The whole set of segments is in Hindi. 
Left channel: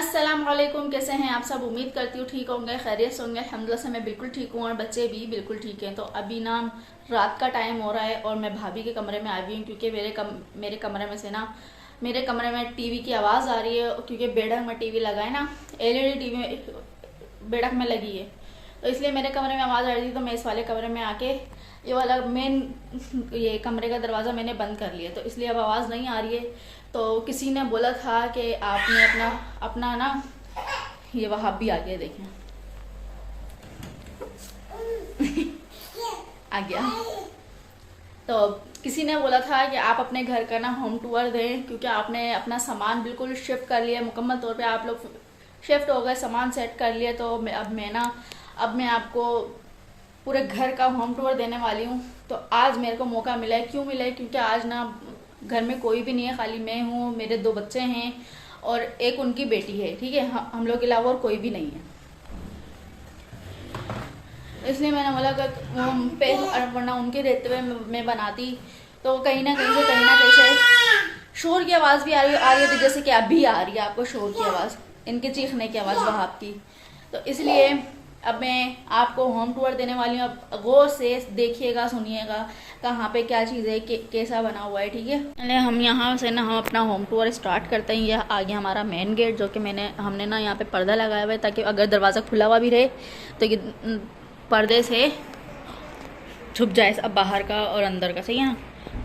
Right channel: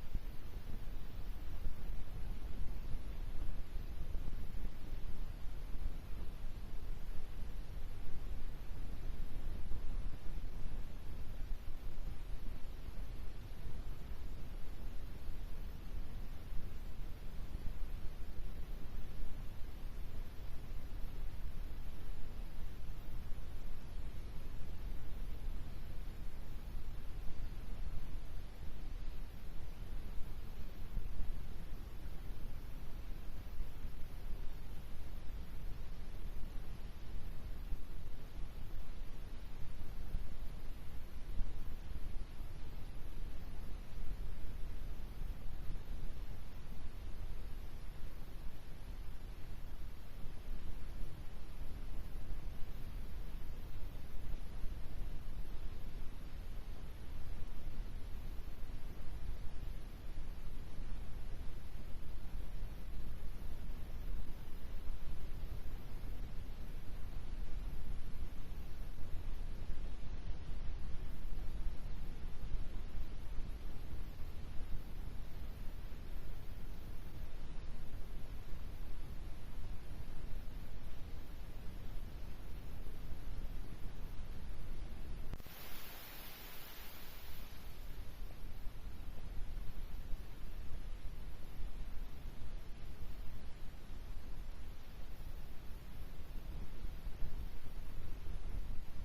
अस्सलाम वालेकुम। कैसे हैं आप सब? उम्मीद करती हूँ ठीक होंगे, खैरियत से होंगे। अल्हम्दुलिल्लाह से मैं बिल्कुल ठीक हूँ और बच्चे भी बिल्कुल ठीक हैं। तो अभी ना रात का टाइम हो रहा है और मैं भाभी के कमरे में आ गई हूँ क्योंकि मेरे कमरे में से ना मेरे कमरे में टीवी की आवाज़ आ रही है क्योंकि बेडक में टीवी लगा है ना, एलईडी टीवी बेडक में लगी है, तो इसलिए मेरे कमरे में आवाज़ आ रही थी। तो मैं इस वाले कमरे में आके ये वाला मेन ये कमरे का दरवाज़ा मैंने बंद कर लिया, तो इसलिए अब आवाज़ नहीं आ रही है। तो किसी ने बोला था कि आपने अपना अपना ना ये वहाँ भी आ गया, देखें आ गया। तो किसी ने बोला था कि आप अपने घर का ना होम टूर दें क्योंकि आपने अपना सामान बिल्कुल शिफ्ट कर लिया, मुकम्मल तौर पे आप लोग शिफ्ट हो गए, सामान सेट कर लिया। तो अब मैं आपको पूरे घर का होम टूर देने वाली हूँ। तो आज मेरे को मौका मिला है। क्यों मिला है? क्योंकि आज ना घर में कोई भी नहीं है, खाली मैं हूँ, मेरे 2 बच्चे हैं और एक उनकी बेटी है। ठीक है, हम लोग के अलावा और कोई भी नहीं है, इसलिए मैंने बोला कि वरना उनके रहते हुए मैं बनाती तो कहीं ना कहीं से शोर की आवाज़ भी आ रही होती, जैसे कि अभी आ रही है आपको शोर की आवाज़, इनके चीखने की आवाज़ वहाँ की। तो इसलिए अब मैं आपको होम टूर देने वाली हूँ। अब गौर से देखिएगा, सुनिएगा कहाँ पे क्या चीज़ है, कैसा बना हुआ है। ठीक है, चलिए हम यहाँ से ना हम अपना होम टूर स्टार्ट करते हैं। यह आ गया हमारा मेन गेट, जो कि हमने ना यहाँ पे पर्दा लगाया हुआ है ताकि अगर दरवाज़ा खुला हुआ भी रहे तो ये पर्दे से छुप जाए अब बाहर का और अंदर का, सही है ना।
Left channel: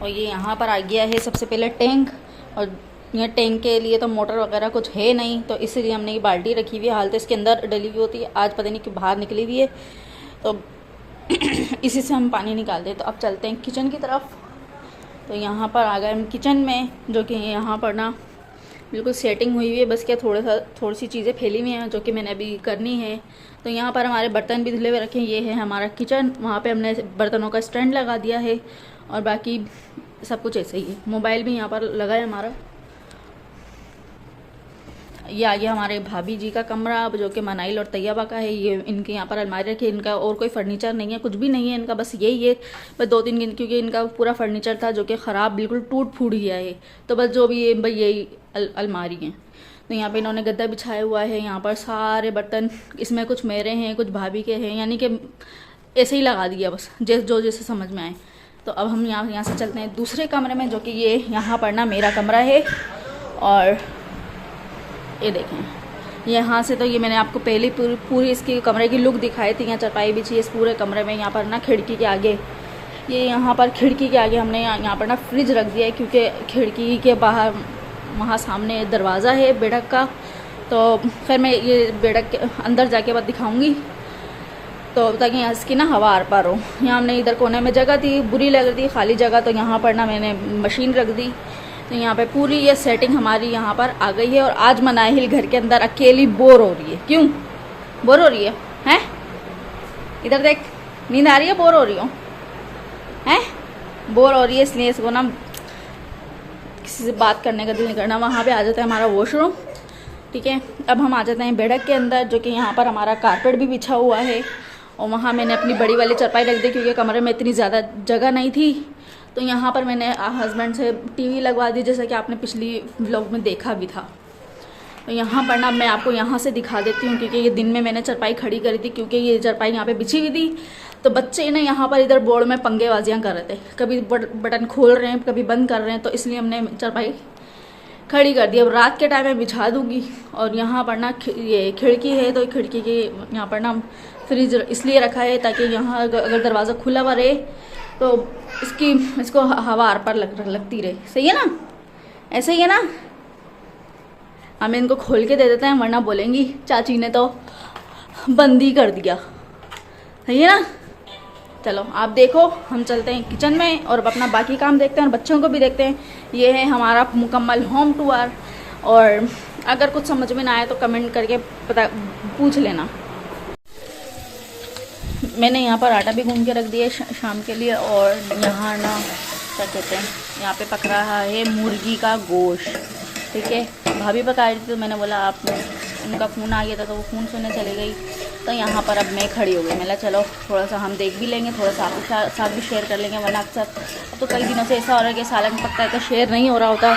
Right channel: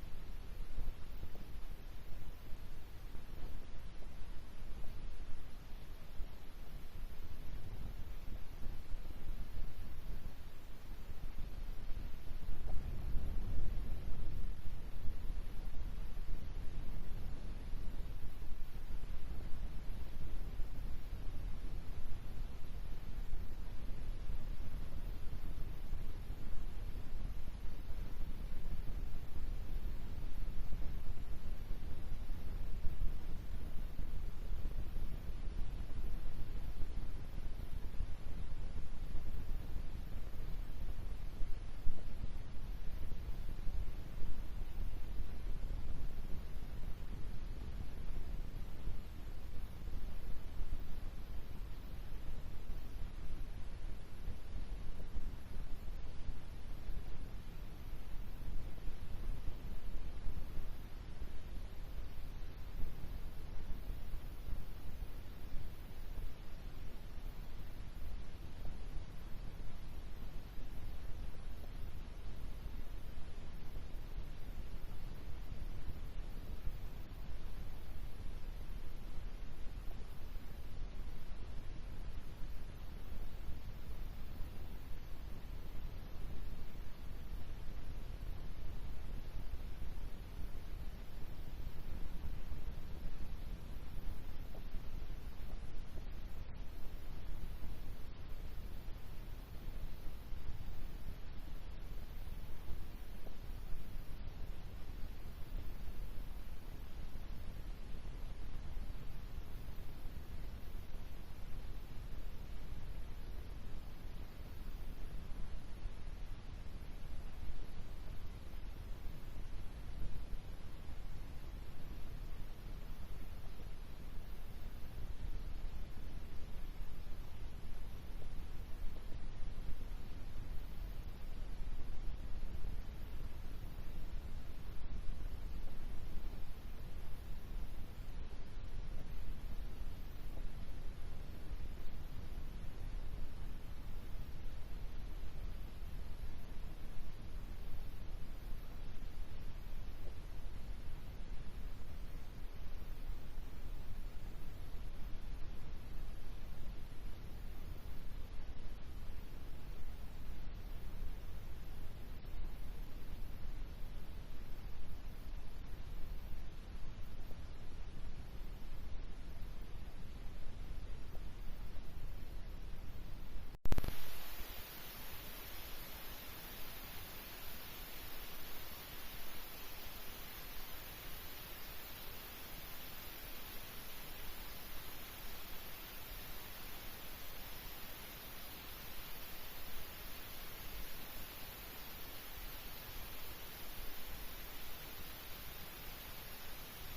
और ये यहाँ पर आ गया है सबसे पहले टैंक, और ये टैंक के लिए तो मोटर वगैरह कुछ है नहीं, तो इसीलिए हमने ये बाल्टी रखी हुई है, हालत इसके अंदर डली हुई होती है। आज पता नहीं क्यों बाहर निकली हुई है, तो इसी से हम पानी निकालते हैं। तो अब चलते हैं किचन की तरफ। तो यहाँ पर आ गए हम किचन में, जो कि यहाँ पर ना बिल्कुल सेटिंग हुई हुई है, बस क्या थोड़ी सी चीज़ें फैली हुई हैं जो कि मैंने अभी करनी है। तो यहाँ पर हमारे बर्तन भी धुले हुए रखे हैं। ये है हमारा किचन, वहाँ पे हमने बर्तनों का स्टैंड लगा दिया है और बाकी सब कुछ ऐसे ही है। मोबाइल भी यहाँ पर लगा है हमारा। ये आ गया हमारे भाभी जी का कमरा, जो कि मनाइल और तैयबा का है। ये इनके यहाँ पर अलमारी रखी है, इनका और कोई फर्नीचर नहीं है, कुछ भी नहीं है इनका, बस यही है। बस 2-3 दिन, क्योंकि इनका पूरा फर्नीचर था जो कि ख़राब बिल्कुल टूट फूट गया है, तो बस जो भी है भाई यही अलमारी है। तो यहाँ पे इन्होंने गद्दा बिछाया हुआ है। यहाँ पर सारे बर्तन, इसमें कुछ मेरे हैं, कुछ भाभी के हैं, यानी कि ऐसे ही लगा दिया बस जैसे समझ में आए। तो अब हम यहाँ से चलते हैं दूसरे कमरे में, जो कि ये यहाँ पर ना मेरा कमरा है। और ये देखें, यहाँ से तो ये मैंने आपको पहले पूरी इसकी कमरे की लुक दिखाई थी। यहाँ चटाई बिछी है इस पूरे कमरे में। यहाँ पर ना खिड़की के आगे, ये यहाँ पर खिड़की के आगे हमने यहाँ पर ना फ्रिज रख दिया है, क्योंकि खिड़की के बाहर वहाँ सामने दरवाज़ा है बेडक का। तो फिर मैं ये बेडक के अंदर जाके बाद दिखाऊँगी, तो ताकि यहाँ इसकी ना हवा आर पार हो। यहाँ हमने इधर कोने में जगह थी, बुरी लग रही थी खाली जगह, तो यहाँ पर ना मैंने मशीन रख दी। तो यहाँ पे पूरी ये सेटिंग हमारी यहाँ पर आ गई है। और आज मनाहिल घर के अंदर अकेली बोर हो रही है। क्यों बोर हो रही है? हैं इधर देख, नींद आ रही है? बोर हो रही हो? हैं बोर हो रही है, इसलिए इसको ना किसी से बात करने का दिल नहीं करना। वहाँ पे आ जाता है हमारा वॉशरूम। ठीक है, अब हम आ जाते हैं बेडक के अंदर, जो कि यहाँ पर हमारा कारपेट भी बिछा हुआ है। और वहाँ मैंने अपनी बड़ी वाली चारपाई रख दी, क्योंकि कमरे में इतनी ज़्यादा जगह नहीं थी। तो यहाँ पर मैंने हस्बैंड से टीवी लगवा दी, जैसा कि आपने पिछली व्लॉग में देखा भी था। तो यहाँ पर ना मैं आपको यहाँ से दिखा देती हूँ, क्योंकि ये दिन में मैंने चारपाई खड़ी करी थी, क्योंकि ये चारपाई यहाँ पे बिछी हुई थी। तो बच्चे ना यहाँ पर इधर बोर्ड में पंगेबाजियाँ कर रहे थे, कभी बटन खोल रहे हैं, कभी बंद कर रहे हैं, तो इसलिए हमने चारपाई खड़ी कर दी। अब रात के टाइम में बिछा दूँगी। और यहाँ पर ना ये खिड़की है, तो खिड़की के यहाँ पर ना फ्रिज इसलिए रखा है ताकि यहाँ अगर दरवाज़ा खुला हुआ रहे तो इसको हवा आर पार लगती रहे। सही है ना? ऐसे ही है ना? हमें इनको खोल के दे देते हैं, वरना बोलेंगी चाची ने तो बंद ही कर दिया। सही है ना? चलो आप देखो, हम चलते हैं किचन में और अपना बाकी काम देखते हैं और बच्चों को भी देखते हैं। ये है हमारा मुकम्मल होम टूर। और अगर कुछ समझ में ना आए तो कमेंट करके पूछ लेना। मैंने यहाँ पर आटा भी गूंद के रख दिया शाम के लिए। और यहाँ ना क्या कहते हैं, यहाँ पे पक रहा है मुर्गी का गोश्त। ठीक है, भाभी पका रही थी, तो मैंने बोला आप, उनका फ़ोन आ गया था तो वो फ़ोन सुनने चली गई। तो यहाँ पर अब मैं खड़ी हो गई। मैंने चलो थोड़ा सा हम देख भी लेंगे, थोड़ा सा आपके साथ भी शेयर कर लेंगे, वरना अक्सर अब तो कई दिनों से ऐसा हो रहा है कि सालन पकता है तो शेयर नहीं हो रहा होता।